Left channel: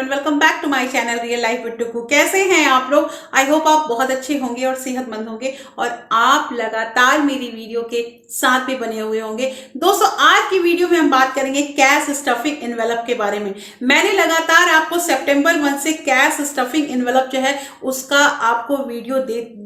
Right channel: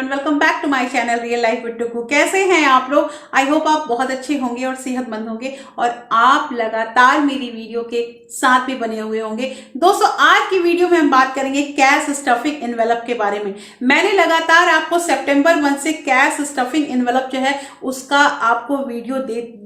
Everyone, welcome back to my channel real life with Tuku. कैसे हैं आप लोग? आई होप आप बहुत अच्छे होंगे और सेहतमंद होंगे और आप लगातार मेरी वीडियो के साथ भी बने हुए होंगे। दोस्तों, आज की वीडियो में हम बात करेंगे कैश स्टफिंग एनवेलप के बारे में। मैंने लगातार आपको सितंबर मंथ से कैश स्टफिंग एनवेलप जो है उसका आपको वीडियो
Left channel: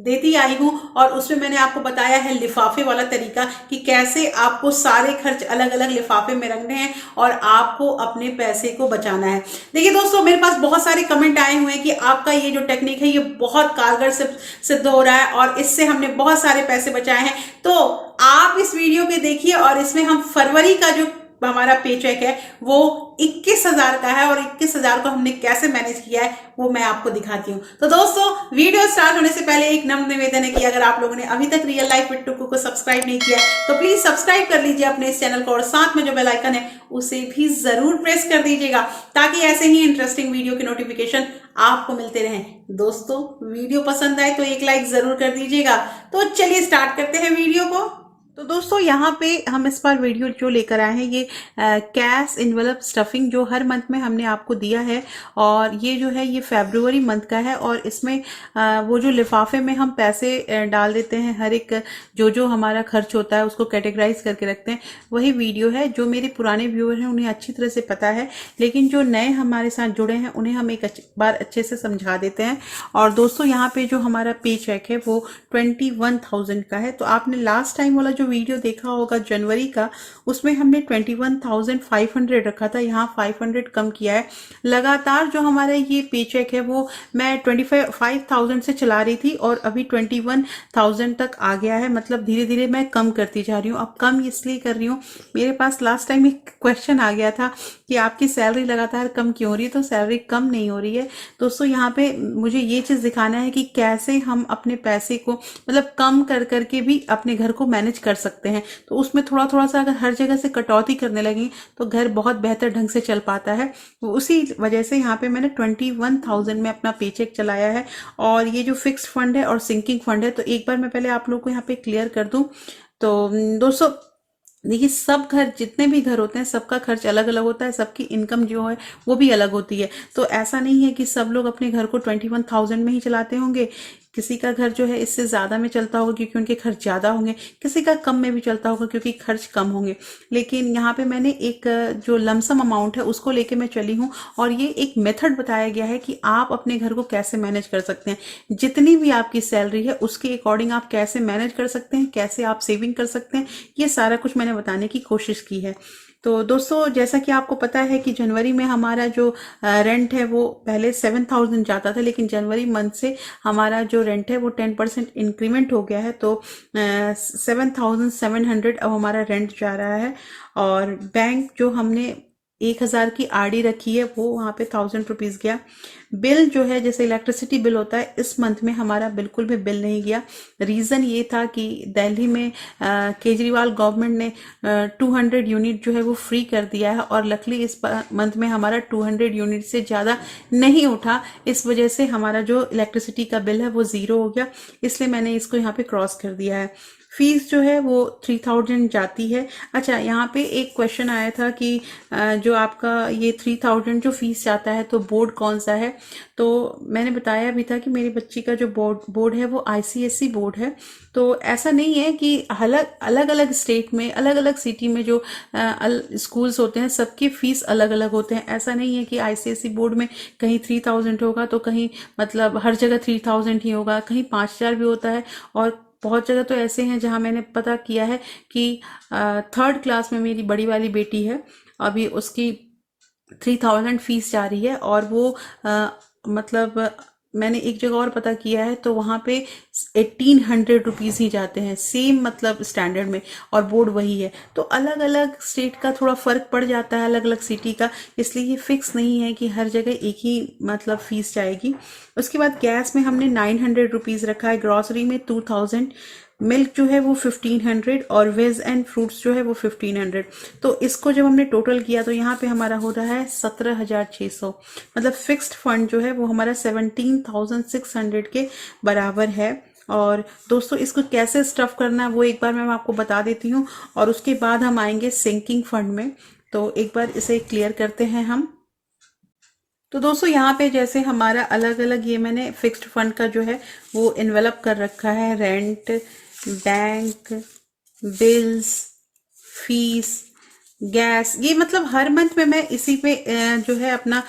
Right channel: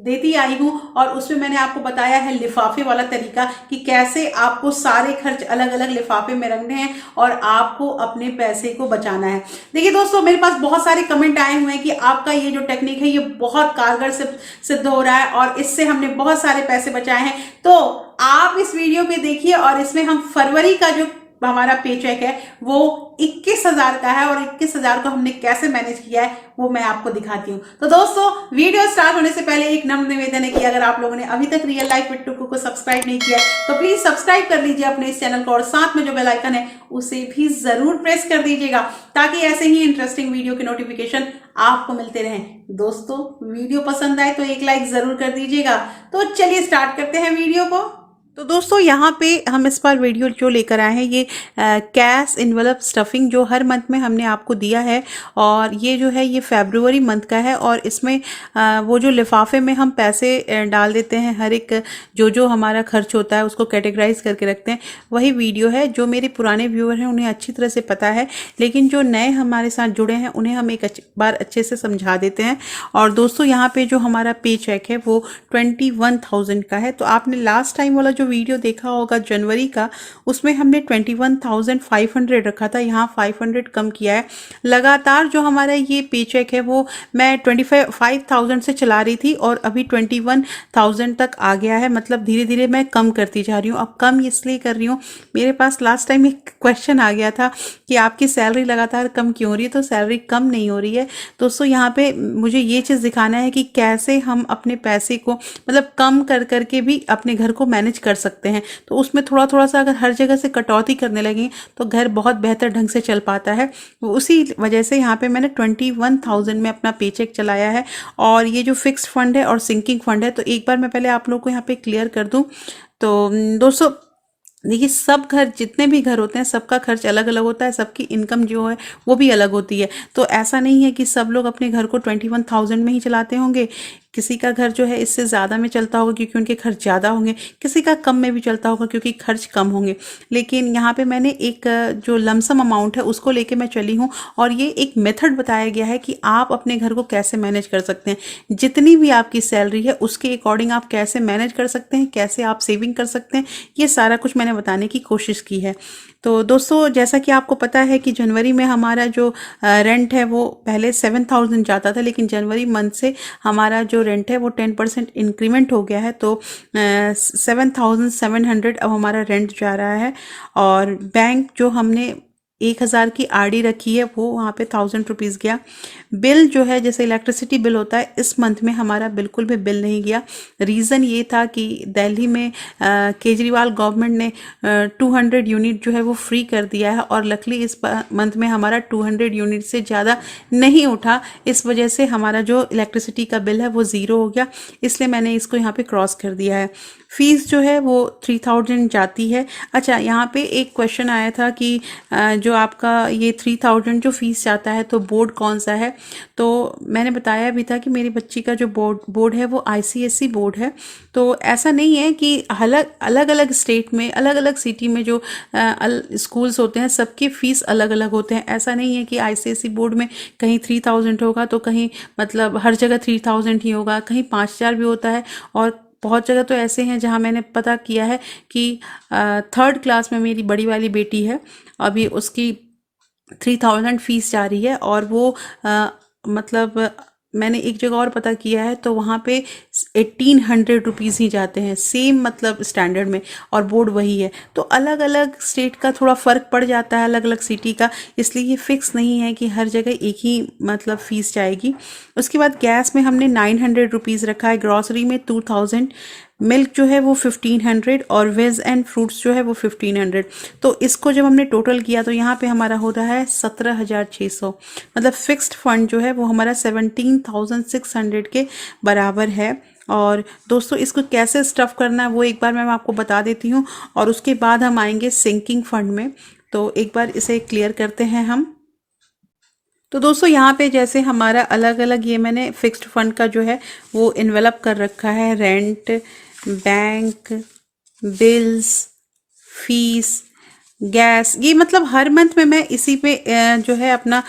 देती आई हूं और उसमें मैंने आपको बताया है लिफाफे वाला तरीका कि कैसे आपको सारे खर्च अलग अलग लिफाफे में रखने हैं और आपको अपने पैसे को बचाना है। देखिए दोस्तों, मेरे पास बहुत सारे कमेंट आए हुए हैं कि आपका ये जो टेक्निक है ये बहुत कारगर सिद्ध हो रहा है और इससे हमने बहुत सारे पैसे बचाए हैं। तो आप इस वीडियो पे देखिए और इसमें हम फरवरी का जो हमारा पे चेक है वो 21,000 का है और 21,000 को हमने कैसे मैनेज किया है वो मैं आपको दिखाती हूँ। तो दोस्तों, वीडियो स्टार्ट होने से पहले एक नम्र निवेदन है कि अगर आप लोगों ने अभी तक रियल लाइफ विद टुकू को सब्सक्राइब नहीं किया तो प्लीज सब्सक्राइब कर लीजिए अपने इस चैनल को और साथ में जो बेल आइकन है उसे भी जरूर प्रेस कर दीजिएगा ताकि ऐसे ही इंटरेस्टिंग वीडियो के नोटिफिकेशन आपको मिलते रहें। दोस्तों, वीडियो पसंद आए तो एक लाइक जरूर कर दीजिएगा। तो चलिए स्टार्ट करते हैं वीडियो को। तो दोस्तों, यहाँ पे हम इस बार वीडियो जो लेकर आए हैं ये कैश इन्वेलप स्टफिंग जो हर मंथ में हमने आपको दिया है और ये जो है ये फरवरी मंथ का है और इसमें वो जो लिफाफे में हम पैसे डाल देते हैं, हर एक जो जो हमारा खर्च होता है उसको कैटेगराइज करके रखते हैं, वही वीडियो है। जो मेरे पुराने व्यूअर हैं उन्हें अच्छी तरह से पता है, लेकिन जो नए हमारे साथ जुड़े हैं उन्हें हम एक बार अच्छे से समझा देते हैं। और दोस्तों, यहाँ पे जो हमारा पे चेक है वो 21,000 का है। तो आपने लास्ट टाइम वाला जो वीडियो देखा होगा जनवरी का, उसमें हमने 21,500 रखा था, यहाँ 500 कम किया है। लगातार जो हमारा ये पे चेक है वो मैं 25,000 से चला रही थी और अभी 21,000 तक आ गया है। मतलब धीरे धीरे मैं कम करती जा रही हूँ। अब कम इसलिए कर रही हूँ, मेरे पास लास्ट टाइम एक क्वेश्चन आ गया था कि आपकी सैलरी लगातार कम क्यों हो रही है। तो सैलरी कम नहीं हो रही है दोस्तों, यहाँ पे मुझे ये चीज़ दिखाना है कि कैसे हम अपने पैसे को मतलब कम कर करके भी अपने घर को मैनेज कर सकते हैं। तो उसमें थोड़ा थोड़ा सा अगर हर जगह से कटौती करने लगी तो घर बहुत बेहतर ढंग से चल पाता है। उसी वजह से यहाँ पे मैंने 21,000 में अपना पे चेक चलाया है और ये जो फिक्स्ड फंड है और सिंकिंग फंड है, तो एक बार मैं पहले आप लोग को यहाँ पे क्लियर कर दूं। तो दोस्तों देखिए, सब घर जितने भी घर होते हैं सबका खर्च अलग अलग होता है, सबकी इनकम जो है वो भी अलग होती है। तो ऐसा नहीं है कि सब लोग अपने घर को 21,000 में ही चलाते होंगे। किसी का घर जो है इससे ज़्यादा में चलता होगा क्योंकि उनके खर्च ज़्यादा होंगे, किसी का कम में भी चलता होगा क्योंकि खर्च कम होंगे। लेकिन यहाँ पे मैंने एक जो लमसम अमाउंट है उसको लेके मैं चली हूँ और ये एक मेथड बताया गया है कि आप अपने घर को कैसे मैनेज कर सकते हैं। जितनी भी आपकी सैलरी है उसके अकॉर्डिंग आप कैसे मैनेज कर सकते हैं, कैसे आप सेविंग कर सकते हैं, ये सारा कुछ मैंने बताने की कोशिश की है। तो दोस्तों, जैसा कि आपको पता है कि जनवरी में हमारा जो रेंट है वो पहले 7,000 जाता था, लेकिन जनवरी मंथ से हमारा जो रेंट है वो 10% इंक्रीमेंट हो गया है। तो 7,700 अब हमारा रेंट जा रहा है। और बैंक जो हमने 1,000 की आरडी रखी है वो वहाँ पे 1,000 रुपीज़ गया। बिल जो है जैसे इलेक्ट्रिसिटी बिल होता है, इस मंथ में हमारा बिल्कुल भी बिल नहीं गया। रीज़न ये था कि दिल्ली में केजरीवाल गवर्नमेंट ने 200 यूनिट जो है वो फ्री कर दिया है और लकली इस मंथ में हमारा 200 यूनिट से ज़्यादा नहीं उठा। इस वजह से हमारा जो इलेक्ट्रिसिटी का बिल है वो ज़ीरो हो गया, इसलिए मैंने इसको यहाँ पे क्रॉस कर दिया है। फीस जो है वो 3,000 जाती है। अच्छा, यहाँ पे एक क्वेश्चन आया था कि जो आपका ये 3,000 जो फीस जाता है तो बोर्ड कौन सा है। तो मैंने बताया भी था कि मेरी बच्ची का जो बोर्ड है वो आईसीएसई बोर्ड है। तो ऐसा नहीं है कि अलग अलग स्टेट में अलग अलग सिटी में जो स्कूल्स होते हैं सबकी फ़ीस अलग अलग होते हैं। ऐसा नहीं है कि आईसीएसई बोर्ड में कहीं 3,000 होगा तो कहीं मतलब हर जगह 3,000 ही होगा, कहीं 5,000 भी होता है। और बहुत जगह तो ऐसे हैं जहाँ मैंने पता किया है कि 3rd क्लास में मेरी बड़ी वाली बेटी है, अभी उसकी 3,000 फीस जा रही है और वो मतलब मैंने एक जगह और पता किया है तो वहाँ पे 1,800 रुपीज़ ही जाते हैं सेम मतलब स्टैंडर्ड में, और बोर्ड वही है। तो अलग अलग स्टेट का थोड़ा फ़र्क पड़ जाता है, अलग अलग सिटी का, इसलिए ये फिक्स नहीं है कि हर जगह एक ही मतलब फ़ीस जाएगी। उसके बाद गैस में हमने 900 रुपीज़ रखा है, ग्रॉसरी में 2,000, मिल्क जो है वो 1,500 और वेज एंड फ्रूट्स जो है वो 1,500। तो इसको जब हमने टोटल किया तो यहाँ पे हमारा हो रहा है 17,600। मतलब फिक्स्ड फंड जो है वो हमारा 17,600 के बराबर है। और दोस्तों, इसको कैसे स्टफ़ करना है वो एक बार मैं आपको बता देती हूँ और उसके बाद हम आएंगे सिंकिंग फंड में। तो एक बार इसे क्लियर करते हैं हम। तो दोस्तों यहाँ पे जैसे हमारा अलग अलग ये मैंने फिक्स्ड फंड का जो है वो इन्वेलप कर रखा है, rent, bank, bills, fees, gas, ये मतलब हर मंथ में मैं इसी पे जो है अपना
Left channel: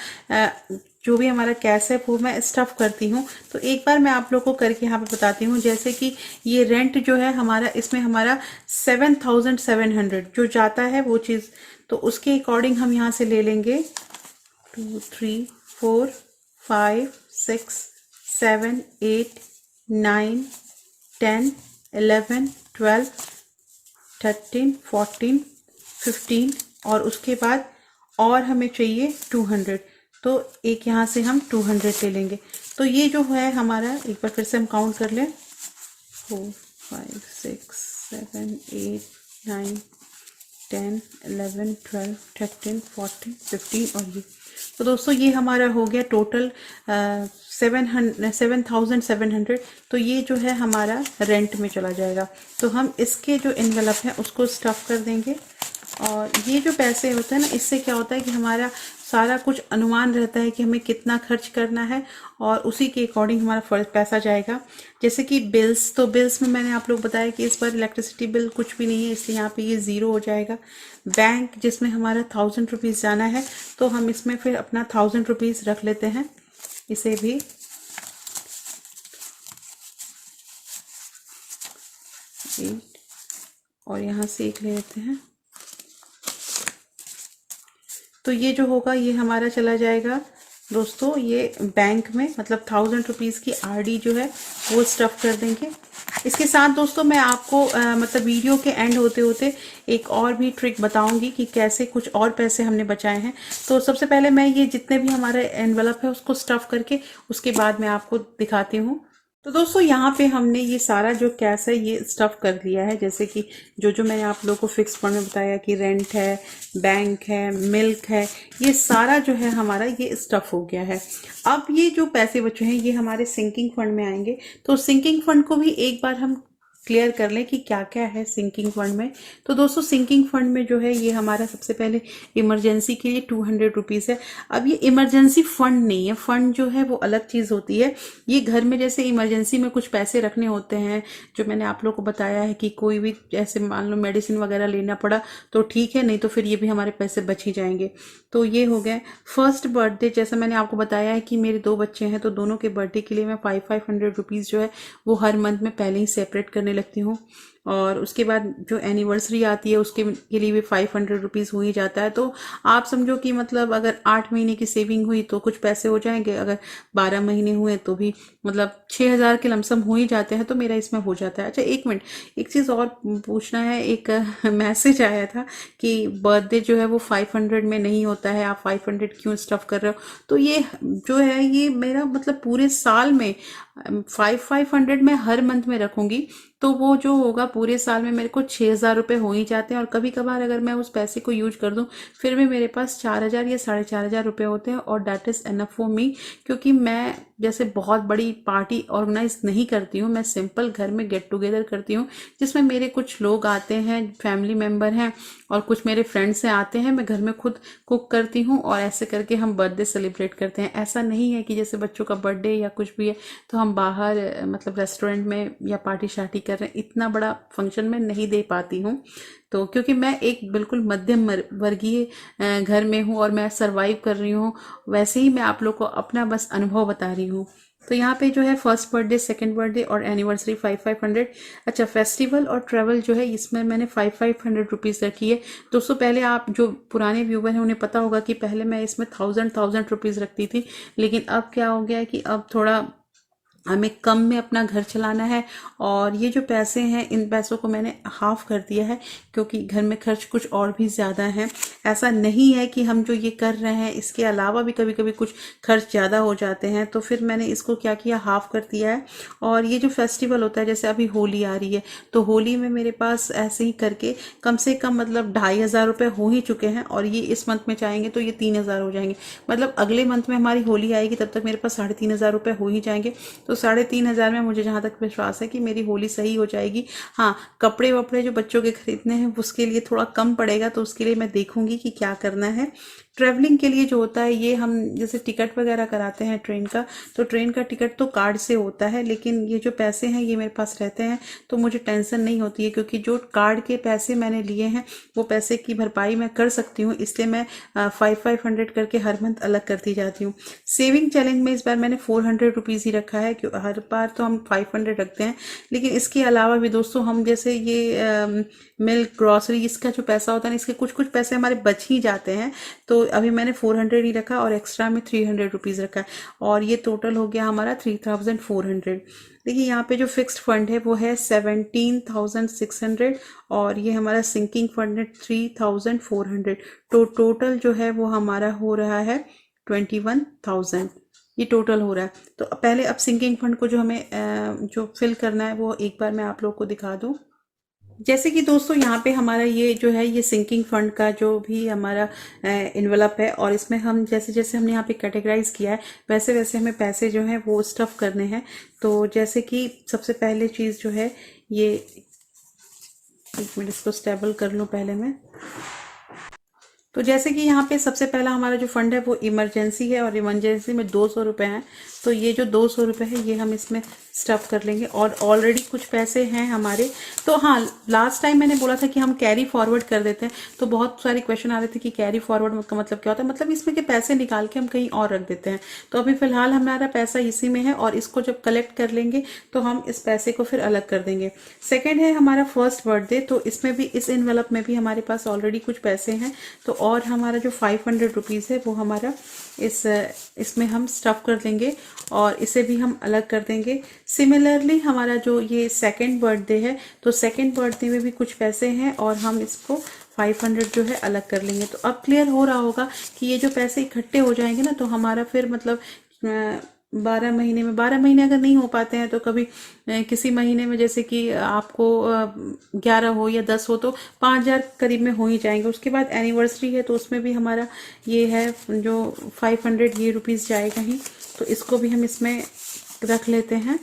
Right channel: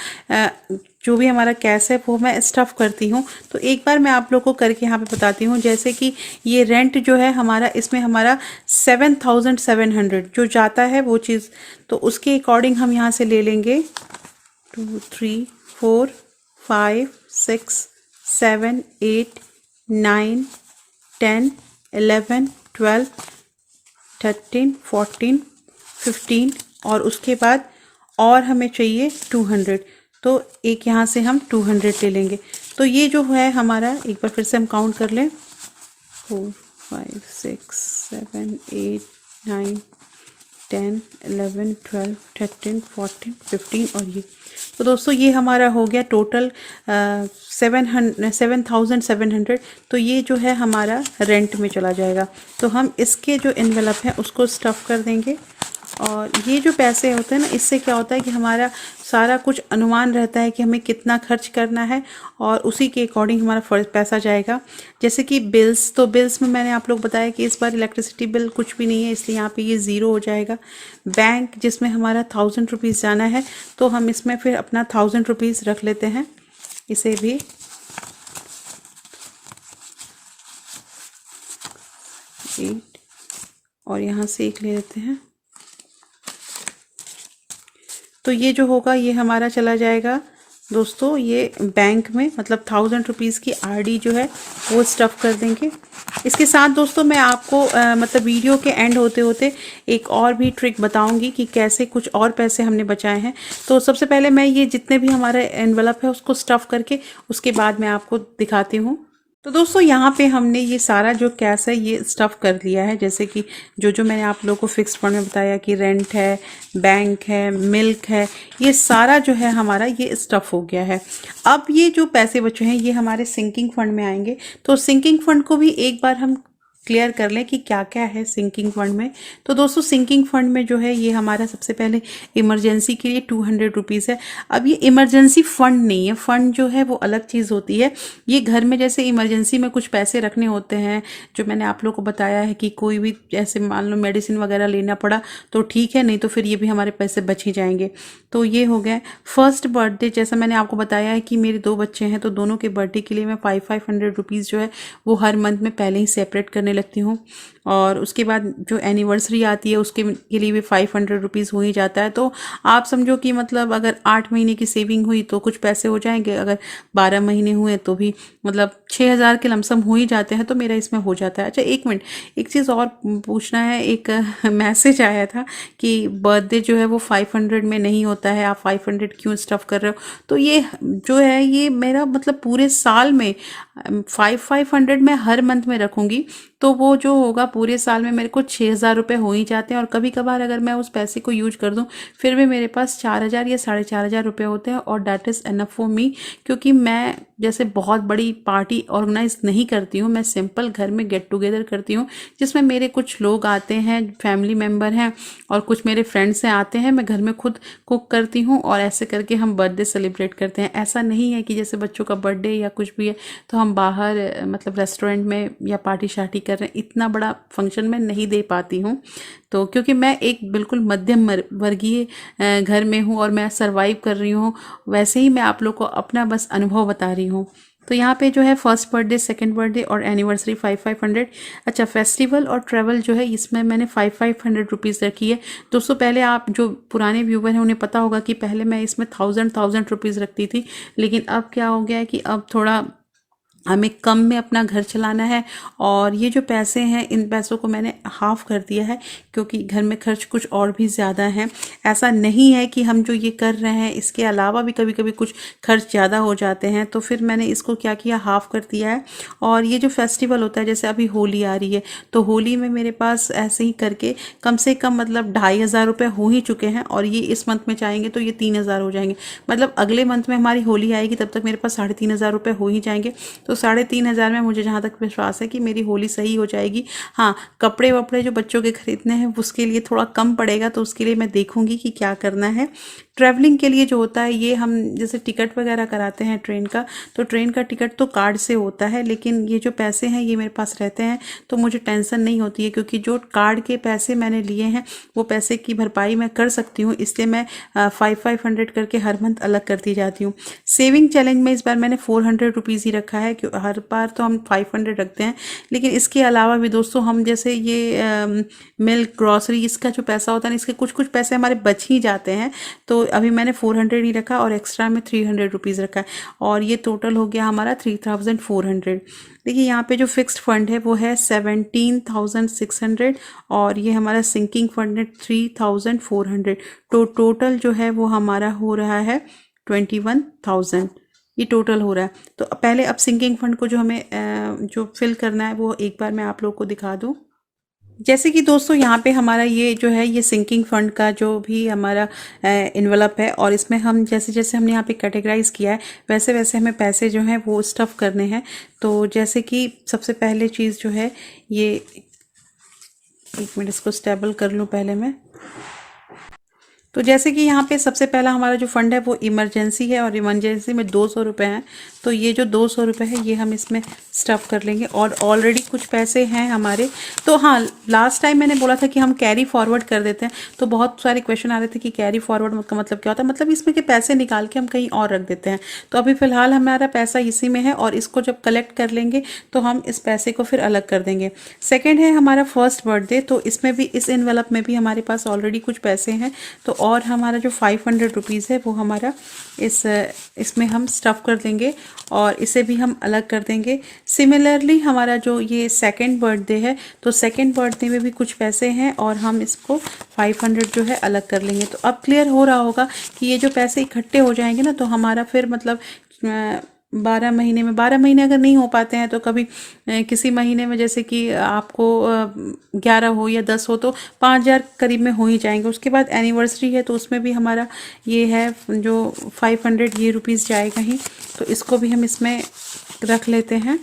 जो भी हमारा कैश है वो मैं स्टफ करती हूँ। तो एक बार मैं आप लोगों को करके यहाँ पे बताती हूँ। जैसे कि ये रेंट जो है हमारा, इसमें हमारा 7,700 जो जाता है वो चीज़, तो उसके अकॉर्डिंग हम यहाँ से ले लेंगे 2, 3, 4, 5, 6, 7, 8, 9, 10, 11, 12, 13, 14, 15 और उसके बाद और हमें चाहिए 200, तो एक यहाँ से हम 200 ले लेंगे। तो ये जो है हमारा, एक बार फिर से हम काउंट कर लें, 4, 5, 6, 7, 8, 9, 10, 11, 12, 13, 14, 15 और ये। तो दोस्तों ये हमारा हो गया टोटल 7,700। तो ये जो है हमारा रेंट में चला जाएगा। तो हम इसके जो एनवेलप है उसको स्टफ़ कर देंगे। और ये जो पैसे होते हैं ना, इससे क्या होता है कि हमारा सारा कुछ अनुमान रहता है कि हमें कितना खर्च करना है और उसी के अकॉर्डिंग हमारा पैसा जाएगा। जैसे कि बिल्स, तो बिल्स में मैंने आप लोग बताया कि इस बार इलेक्ट्रिसिटी बिल कुछ भी नहीं है, इसलिए यहाँ पे ये ज़ीरो हो जाएगा। बैंक जिसमें हमारा 1000 रुपीज़ जाना है, तो हम इसमें फिर अपना 1000 रुपीज़ रख लेते हैं, इसे भी। और यहाँ से एक ले लेते हैं। तो ये जो होगा ये हमारा चला जाएगा दोस्तों ये बैंक में, मतलब 1000 रुपीज़ की आरडी जो है वो स्टफ़ कर देंगे। इसके साथ दोस्तों मैं आपको मतलब वीडियो के एंड होते होते एक और भी ट्रिक बताऊंगी कि कैसे कुछ और पैसे हमने बचाए हैं। तो सबसे पहले मैं ये जितने भी हमारा एनवलप है उसको स्टफ़ करके उसके बाद मैं आपको दिखाती हूँ। तो दोस्तों यहाँ पे हमने ये सारा जो कैश है ये स्टफ़ कर लिया है। जैसे कि जो मैंने आप लोगों को फिक्स फंड में बताया कि रेंट है, बैंक है, मिल्क है, ये सारा जो है हमारा ये स्टफ़ हो गया है। अब ये जो पैसे बचे हैं ये हमारे सिंकिंग फंड में आएंगे। तो सिंकिंग फंड को भी एक बार हम क्लियर कर लें कि क्या क्या है सिंकिंग फंड में। तो दोस्तों सिंकिंग फंड में जो है ये हमारा सबसे पहले इमरजेंसी के लिए 200 रुपीज़ है। अब ये इमरजेंसी फंड नहीं है, फंड जो है वो अलग चीज़ होती है। ये घर में जैसे इमरजेंसी में कुछ पैसे रखने होते हैं, जो मैंने आप लोगों को बताया है कि कोई भी जैसे मान लो मेडिसिन वगैरह लेना पड़ा तो ठीक है, नहीं तो फिर ये भी हमारे पैसे बच ही जाएंगे। तो ये हो गए। फर्स्ट बर्थडे, जैसा मैंने आपको बताया है कि मेरे 2 बच्चे हैं, तो दोनों के बर्थडे के लिए मैं 500 रुपीज़ जो है वो हर मंथ में पहले ही सेपरेट करने लगती हूँ। और उसके बाद जो एनिवर्सरी आती है उसके के लिए भी 500 रुपीज़ हो ही जाता है। तो आप समझो कि मतलब अगर 8 महीने की सेविंग हुई तो कुछ पैसे हो जाएंगे, अगर 12 महीने हुए तो भी मतलब 6000 के लमसम हो ही जाते हैं। तो मेरा इसमें हो जाता है। अच्छा एक मिनट, एक चीज़ और पूछना है। एक मैसेज आया था कि बर्थडे जो है वो 500 में नहीं होता है, आप 500 क्यों स्टफ़ कर रहे हो। तो ये जो है ये मेरा मतलब पूरे साल में 500 मैं हर मंथ में रखूँगी, तो वो जो होगा पूरे साल में मेरे को 6000 रुपये हो ही जाते हैं। और कभी कभार अगर मैं उस पैसे को यूज कर दूं फिर भी मेरे पास 4000 या 4500 रुपये होते हैं, और that is enough for me. क्योंकि मैं जैसे बहुत बड़ी पार्टी ऑर्गेनाइज नहीं करती हूँ, मैं सिंपल घर में गेट टुगेदर करती हूँ जिसमें मेरे कुछ लोग आते हैं, फैमिली मेम्बर हैं और कुछ मेरे फ्रेंड्स हैं आते हैं। मैं घर में खुद कुक करती हूँ और ऐसे करके हम बर्थडे सेलिब्रेट करते हैं। ऐसा नहीं है कि जैसे बच्चों का बर्थडे या कुछ भी है तो हम बाहर मतलब रेस्टोरेंट में या पार्टी शार्टी कर रहे हैं, इतना बड़ा फंक्शन में नहीं दे पाती हूँ। तो क्योंकि मैं एक बिल्कुल मध्यम वर्गीय घर में हूँ और मैं सरवाइव कर रही हूँ, वैसे ही मैं आप लोग को अपना बस अनुभव बता रही हूँ। तो यहाँ पे जो है फर्स्ट बर्थडे, सेकंड बर्थडे और एनिवर्सरी 500। अच्छा फेस्टिवल और ट्रैवल जो है इसमें मैंने 500 रुपीज़ रखी है। दोस्तों पहले आप जो पुराने व्यूवर हैं उन्हें पता होगा कि पहले मैं इसमें 1000 रुपीज़ रखती थी, लेकिन अब क्या हो गया है कि अब थोड़ा हमें कम में अपना घर चलाना है। और ये जो पैसे हैं इन पैसों को मैंने हाफ कर दिया है, क्योंकि घर में खर्च कुछ और भी ज़्यादा है। ऐसा नहीं है कि हम जो ये कर रहे हैं इसके अलावा भी कभी कभी कुछ खर्च ज़्यादा हो जाते हैं, तो फिर मैंने इसको क्या किया, हाफ कर दिया है। और ये जो फेस्टिवल होता है, जैसे अभी होली आ रही है, तो होली में मेरे पास ऐसे ही करके कम से कम मतलब 2500 रुपये हो ही चुके हैं। और ये इस मंथ में चाहेंगे तो ये 3000 हो जाएंगे, मतलब अगले मंथ में हमारी होली आएगी तब तक मेरे पास 3500 रुपये हो ही जाएंगे। तो 3500 में मुझे जहाँ तक विश्वास है कि मेरी होली सही हो जाएगी। हाँ, कपड़े वपड़े जो बच्चों के खरीदने हैं उसके लिए थोड़ा कम पड़ेगा, तो उसके लिए मैं देखूंगी कि क्या करना है। ट्रैवलिंग के लिए जो होता है ये हम जैसे टिकट वगैरह कराते हैं ट्रेन का, तो ट्रेन का टिकट तो कार्ड से होता है, लेकिन ये जो पैसे हैं ये मेरे पास रहते हैं तो मुझे टेंशन नहीं होती है, क्योंकि जो कार्ड के पैसे मैंने लिए हैं वो पैसे की भरपाई मैं कर सकती हूँ, इसलिए मैं 500 करके हर मंथ अलग करती जाती हूँ। सेविंग चैलेंज में इस बार मैंने 400 रुपीज़ ही रखा है, क्यों हर बार तो हम 500 रखते हैं, लेकिन इसके अलावा भी दोस्तों हम जैसे ये मिल्क ग्रॉसरी इसका जो पैसा होता है ना, इसके कुछ कुछ पैसे हमारे बच ही जाते हैं, तो अभी मैंने 400 ही रखा और एक्स्ट्रा में 300 रुपीज़ रखा है, और ये टोटल हो गया हमारा 3400। देखिए यहाँ पे जो फिक्स्ड फंड है वो है 17,600 और ये हमारा सिंकिंग फंड है 3,400, तो टोटल जो है वो हमारा हो रहा है 21,000, ये टोटल हो रहा है। तो पहले अब सिंकिंग फंड को जो हमें जो फिल करना है वो एक बार मैं आप लोग को दिखा दूँ। जैसे कि दोस्तों यहाँ पे हमारा ये जो है ये सिंकिंग फंड का जो भी हमारा इन्वेलप है, और इसमें हम जैसे जैसे हमने यहाँ पे कैटेगराइज किया है वैसे वैसे हमें पैसे जो हैं वो स्टफ़ करने हैं। तो जैसे कि सबसे पहले चीज़ जो है ये, एक मिनट इसको स्टेबल कर लूँ पहले मैं। तो जैसे कि यहाँ पे सबसे पहला हमारा जो फंड है वो इमरजेंसी है, और इमरजेंसी में 200 रुपये हैं, तो ये जो 200 रुपये है ये हम इसमें स्टफ़ कर लेंगे, और ऑलरेडी कुछ पैसे हैं हमारे। तो हाँ, लास्ट टाइम मैंने बोला था कि हम कैरी फॉरवर्ड कर देते हैं, तो बहुत सारे क्वेश्चन आ रहे थे कि कैरी फॉरवर्ड का मतलब क्या होता है, मतलब इसमें के पैसे निकाल के हम कहीं और रख देते हैं। तो अभी फ़िलहाल हमारा पैसा इसी में है, और इसको जब कलेक्ट कर लेंगे तो हम इस पैसे को फिर अलग कर देंगे। सेकेंड है हमारा फर्स्ट बर्थडे, तो इसमें भी इस एनवेलप में भी हमारे पास ऑलरेडी कुछ पैसे हैं, तो और हमारा जो 500 रुपीज़ है वो हमारा इसमें हम स्टफ़ कर देंगे और इसे भी हम अलग कर देंगे। सिमिलरली हमारा जो ये सेकंड बर्थडे है, तो सेकंड बर्थडे में भी कुछ पैसे हैं और हम इसको 500 जो है अलग कर लेंगे। तो अब क्लियर हो रहा होगा कि ये जो पैसे इकट्ठे हो जाएंगे ना, तो हमारा फिर मतलब 12 महीने में, 12 महीने अगर नहीं हो पाते हैं तो कभी किसी महीने में जैसे कि आपको 11 हो या 10 हो तो 5,000 करीब में हो ही जाएंगे। उसके बाद एनिवर्सरी है तो उसमें भी हमारा ये है जो 500 ये रुपीज़ जाएगा ही, तो इसको भी हम इसमें रख लेते हैं।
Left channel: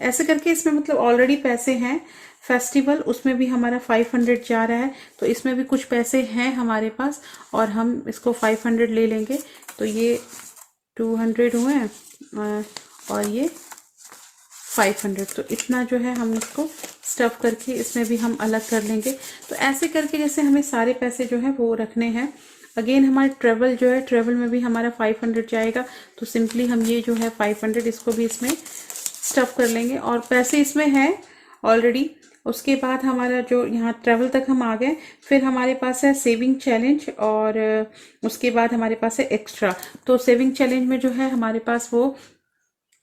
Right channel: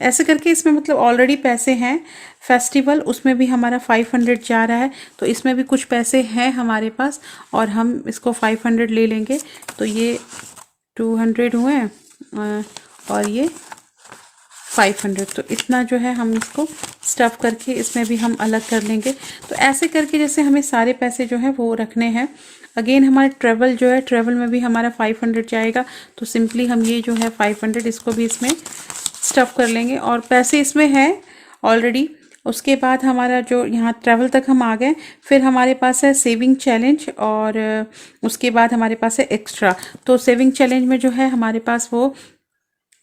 ऐसे करके इसमें मतलब ऑलरेडी पैसे हैं। फेस्टिवल उसमें भी हमारा 500 जा रहा है, तो इसमें भी कुछ पैसे हैं हमारे पास और हम इसको 500 ले लेंगे, तो ये 200 हुए और ये 500, तो इतना जो है हम इसको स्टफ़ करके इसमें भी हम अलग कर लेंगे। तो ऐसे करके जैसे हमें सारे पैसे जो है वो रखने हैं। अगेन हमारे ट्रेवल जो है, ट्रेवल में भी हमारा 500 जाएगा, तो सिंपली हम ये जो है 500 इसको भी इसमें स्टफ़ कर लेंगे और पैसे इसमें हैं ऑलरेडी। उसके बाद हमारा जो यहाँ ट्रैवल तक हम आ गए, फिर हमारे पास है सेविंग चैलेंज और उसके बाद हमारे पास है एक्स्ट्रा। तो सेविंग चैलेंज में जो है हमारे पास वो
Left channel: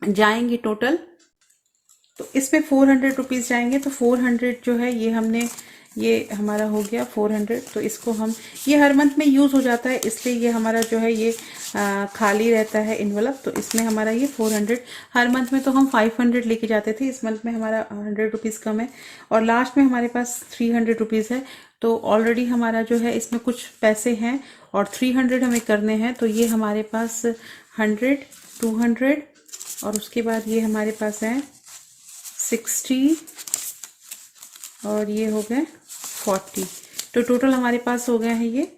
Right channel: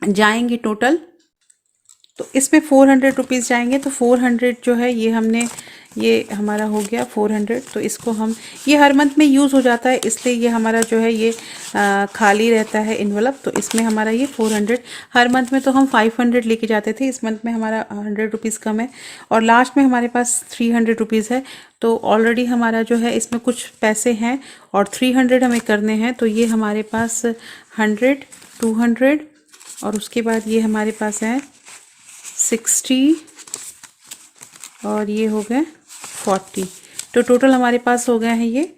जाएंगे टोटल, तो इसमें 400 रुपीज़ जाएंगे। तो 400 जो है ये हमने, ये हमारा हो गया 400। तो इसको हम, ये हर मंथ में यूज़ हो जाता है इसलिए ये हमारा जो है ये खाली रहता है इन्वेलप, तो इसमें हमारा ये 400। हर मंथ में तो हम 500 लेके जाते थे, इस मंथ में हमारा 100 रुपीज़ कम है और लास्ट में हमारे पास 300 रुपीज़ है। तो ऑलरेडी हमारा जो है इसमें कुछ पैसे हैं और 300 हमें करने हैं, तो ये हमारे पास 100, 200 और उसके बाद ये हमारे पास है 60 और ये हो गए 40। तो टोटल हमारे पास हो गए हैं ये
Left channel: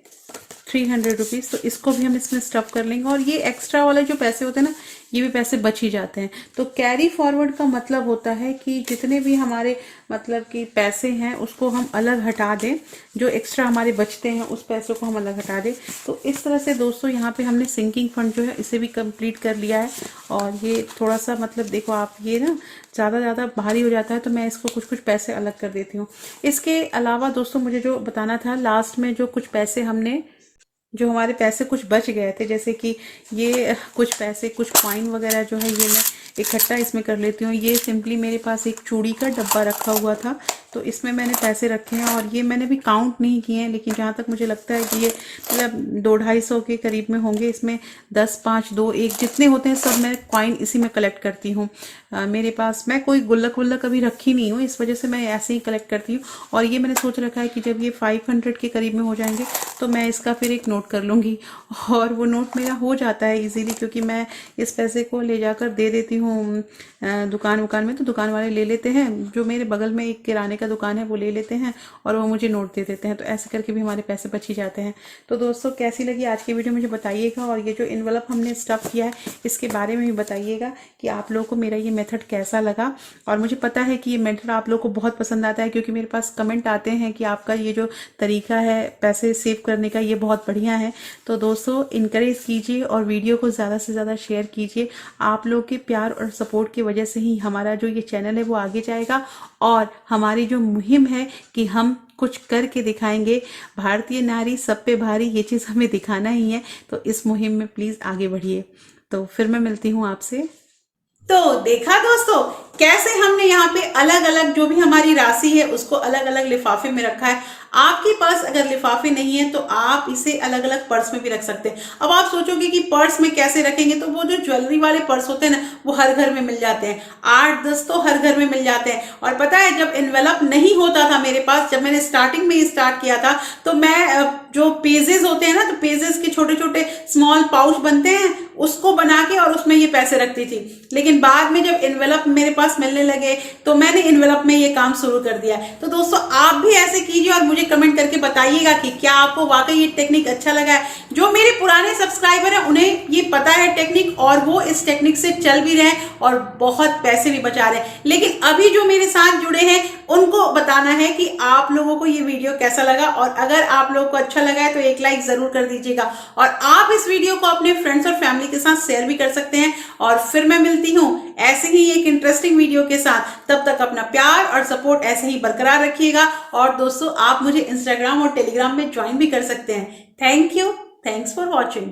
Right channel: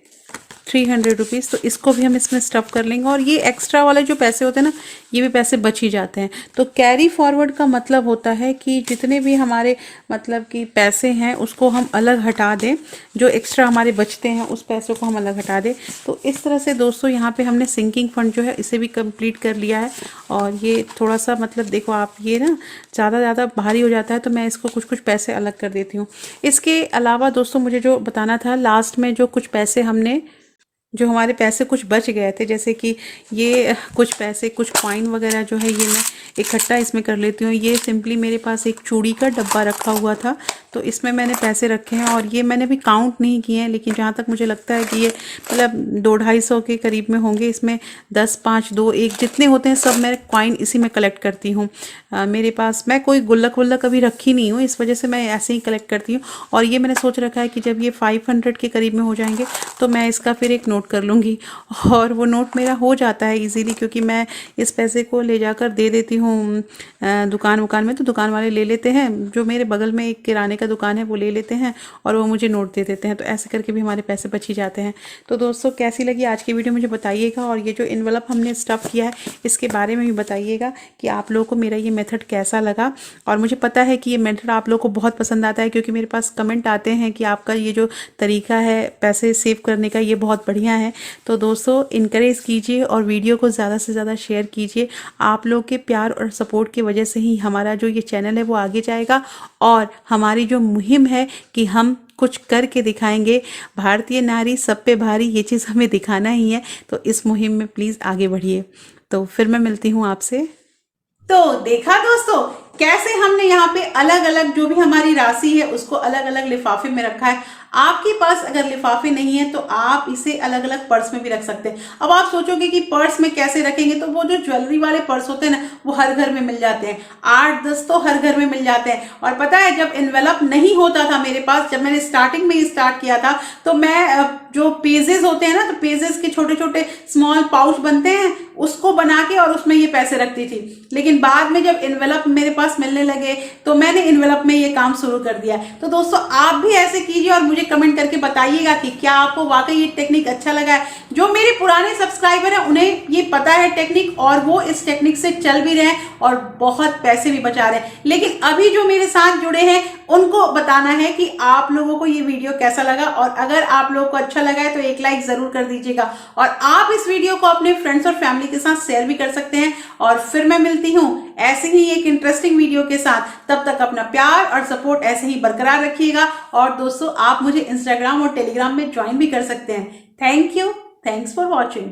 300 रुपीज़। तो इसको भी हम इसमें स्टफ़ कर लेंगे और ये एक्स्ट्रा वाले जो पैसे होते हैं ना, ये भी पैसे बच ही जाते हैं। तो कैरी फॉरवर्ड का मतलब होता है कि जितने भी हमारे मतलब कि पैसे हैं उसको हम अलग हटा दें, जो एक्स्ट्रा हमारे बचते हैं उस पैसों को हम अलग हटा दें। तो इस तरह से दोस्तों यहाँ पे हमने सिंकिंग फंड जो है इसे भी कंप्लीट कर लिया है। और ये थोड़ा सा मतलब देखो आप, ये ना ज़्यादा भारी हो जाता है तो मैं इसको कुछ कुछ पैसे अलग कर देती हूँ। इसके अलावा दोस्तों मुझे जो बताना था, लास्ट में जो कुछ पैसे हमने, जो हमारे पैसे कुछ बच गए थे, जैसे कि ये कुछ पैसे, कुछ कॉइन वगैरह जो है ये मैं इकट्ठा इसमें कर लेती हूँ। ये सिंपली मेरे पास एक चूड़ी का डब्बा रखा हुआ था, तो इसमें मैंने पैसे रखे हैं और ये मैंने भी काउंट नहीं किए हैं, लेकिन जहाँ तक मुझे लगता है कि ये मतलब 200-250 के करीब में होंगे। इसमें 10, 5, 2, 1 जितने होते हैं सब मैं कॉइन इसी में कलेक्ट करती हूँ। मेरे पास, मैं कोई गुल्लक वुल्लक कभी रखी नहीं हूँ, इस वजह से मैं ऐसे ही कलेक्ट करती हूँ। और ये मैंने सोच रखा है कि जब ये 500 के करीब में हो जाएंगे तो मैं इसका फिर एक नोट नोट कर लूँगी और वो नोट मेरा हो जाता है इजीली, क्योंकि मैं इस पैसे को ले जाकर दे देती हूँ दुकान में, तो दुकान वाले ले लेते हैं। जो मेरे बगल में एक किराने का दुकान है वो ले लेते हैं और वो मुझे नोट दे देते हैं, तो ऐसे करके भी हमारे पैसे बच ही जाते हैं। तो दोस्तों कैसी लगी आज की वीडियो मुझे बताइएगा, और ये जो इन्वेलप हमने स्टफ़ किया है इसके बारे में भी बताइएगा कि आप लोगों को मेरा ये मेथड कैसा लगा। और मुझे पता है कि ये मेथड आप लोगों को बहुत पसंद आता है, क्योंकि मेरे पास कमेंट आते हैं कि आपका ये जो तरीका है पैसे सेव करने का ये बहुत बढ़िया है। तो दोस्तों इनकरेज कीजिए और वीडियो को ज़्यादा से ज़्यादा शेयर कीजिए। आप लोग के प्यार और सपोर्ट की वजह से ही हमारा जो ये चैनल है वो आगे जाएगा, और हमारी जो मुहिम है कि हम कुछ करके दिखाएंगे, भारतीय नारी सब पे भारी, ये चीज़ हमें दिखाना ही है। तो इस मुहिम में प्लीज़ आगे बढ़िए। तो फिर मैं मिलती हूँ आपसे। तो देखा दोस्तों कैसे हमने यहाँ पे अलग अलग जो भी हमारी राशि है उसको अलग अलग लिफाफे में रखा है। आपके पास अगर लिफाफे नहीं है तो आप इसे अलग अलग पर्स में भी रख सकते हैं। अब आप सोचोगे कि पर्स में कैसे रखेंगे, तो वो जो ज्वेलरी वाले पर्स होते हैं ना वो हर घर में मिल जाते हैं, 8-10 तो हर घर में मिल जाते हैं। और पता है जब इन्वेलप नहीं होता था मेरे पास, जब मैंने स्टार्टिंग में ही स्टार्ट किया था, तो मैं जो पेजेस होते हैं ना, तो पेजेस के छोटे छोटे स्मॉल पाउच बनते हैं उसको बना के और उसमें ये पैसे रखती थी। लेकिन बाद में जब इन्वेलप मेरे पास मिलने लगे तो मैंने इन्वेलप में ये काम शुरू कर दिया। तो दोस्तों आप भी ऐसे कीजिए और मुझे कमेंट करके बताइएगा कि क्या आपको वाकई ये टेक्निक अच्छा लगा है। जो मेरे पुराने सब्सक्राइबर हैं उन्हें ये पता है टेक्निक, और वो इस टेक्निक से चल भी रहे हैं और बहुत पैसे भी बचा रहे हैं। लेकिन अभी जो मेरे साथ जुड़े हैं उनको बताना है कि आप लोगों को ये वीडियो कैसा लगा, और अगर आप लोगों को अच्छा लगा है तो एक लाइक जरूर कर दीजिएगा। और आप इस वीडियो को अपने फ्रेंड्स और फैमिली के साथ शेयर भी कर सकते हैं। और फिर मैं मिलती हूँ ऐसे ही एक इंटरेस्टिंग वीडियो के साथ। तब तक अपना प्यार और सपोर्ट ऐसे ही बरकरार रखिएगा। और दोस्तों आप मुझे इंस्टाग्राम और टेलीग्राम में ज्वाइन भी कर सकते हैं। Thank you, thanks for watching.